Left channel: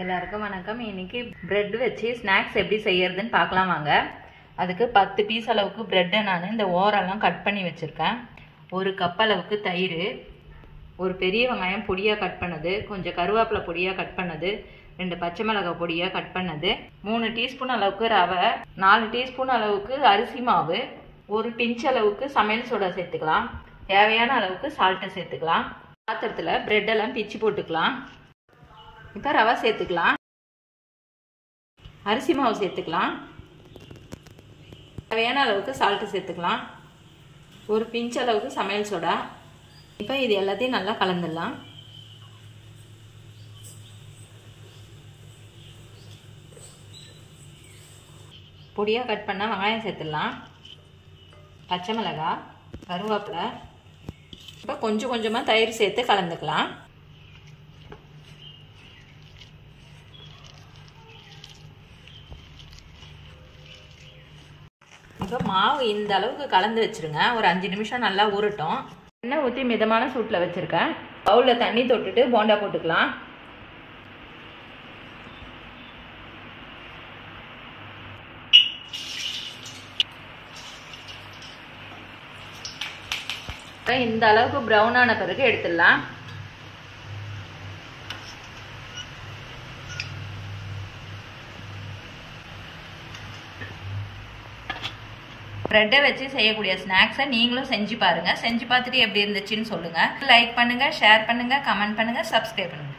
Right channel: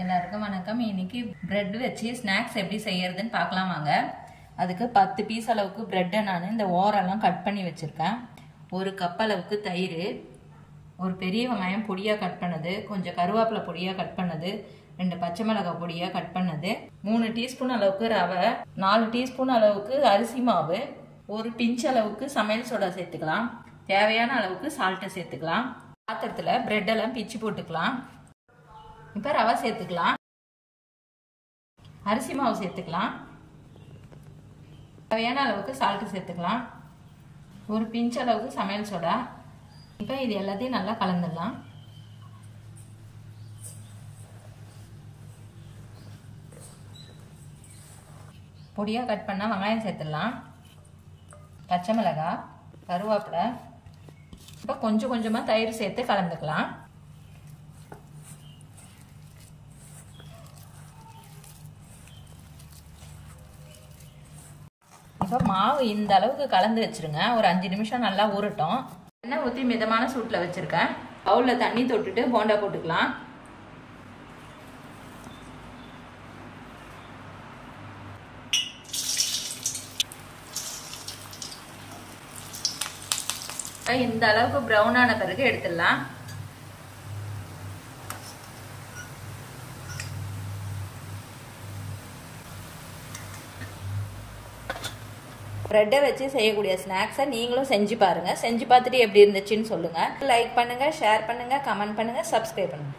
எல்லாருக்கும் வணக்கம். இன்னைக்கு பிரெட் வச்சு ஸ்நாக்ஸ் எப்படி செய்யறதுன்னு பார்க்கலாம் வாங்க. அதுக்கு 10 பீஸ் அளவுக்கு பிரெட்டை நான் இந்த ஓரெல்லாம் கட் பண்ணி வச்சுருக்கேன். 1 கப் அளவுக்கு தயிர், ஒரு பெரிய வெங்காயம் பொடியாக கட் பண்ணது, கொஞ்சம் கருவேப்பிலை பொடியாக கட் பண்ணது, 2 பச்சை மிளகாய் பொடியாக கட் பண்ணது, 3 டீஸ்பூன் அளவுக்கு ரவை, 4 டீஸ்பூன் அளவுக்கு அரிசி மாவு, ஒரு பிஞ்ச் அளவுக்கு சமையல் சோடா சேர்த்துக்கலாம். தேவையான அளவுக்கு சால்ட்டை சேர்த்துக்கலாம். பாத்திரத்தில் பிரெட்டெல்லாம் பிச்சு போட்டுக்கலாம். இப்போ ரவை சேர்த்துக்கலாம், அரிசி மாவு சேர்த்துக்கலாம், தேவையான அளவுக்கு சால்ட்டு சேர்த்துக்கலாம், ஒரு பிஞ்ச் அளவுக்கு சமையல் சோடா. இப்போ இது எல்லாத்தையும் நல்லா கலந்துடலாம். பொடியாக கட் பண்ணால் வெங்காயம் சேர்த்துடலாம், பச்சை மிளகாய், கருவேப்பிலை. இப்போ கொஞ்சம் கொஞ்சமாக தயிர் சேர்த்து கலந்துக்கலாம். இப்போ மாவு இந்த அளவுக்கு கலந்து வச்சுருங்க. ஒரு 5 நிமிஷம் நல்லா ஊறட்டும். எண்ணெய் ஊற்றி மிதமான சூட்டில் வச்சுருக்கேன். பவுலில் தண்ணி தொட்டுட்டு போண்டா போட்டுக்கலாம். இந்த அளவுக்கு ப்ரௌன் ஆன பிறகு எடுத்துடலாம். பிரெட்டை வச்சு செய்யக்கூடிய ஸ்நாக்ஸை நீங்களும் செஞ்சு பாருங்க. செஞ்சு பார்த்துட்டு எப்படி இருந்துச்சுன்னு சொல்லுங்க. லைக் பண்ணுங்க, ஷேர் பண்ணுங்க, கமெண்ட் பண்ணுங்க, சப்ஸ்கிரைப் பண்ணுங்க.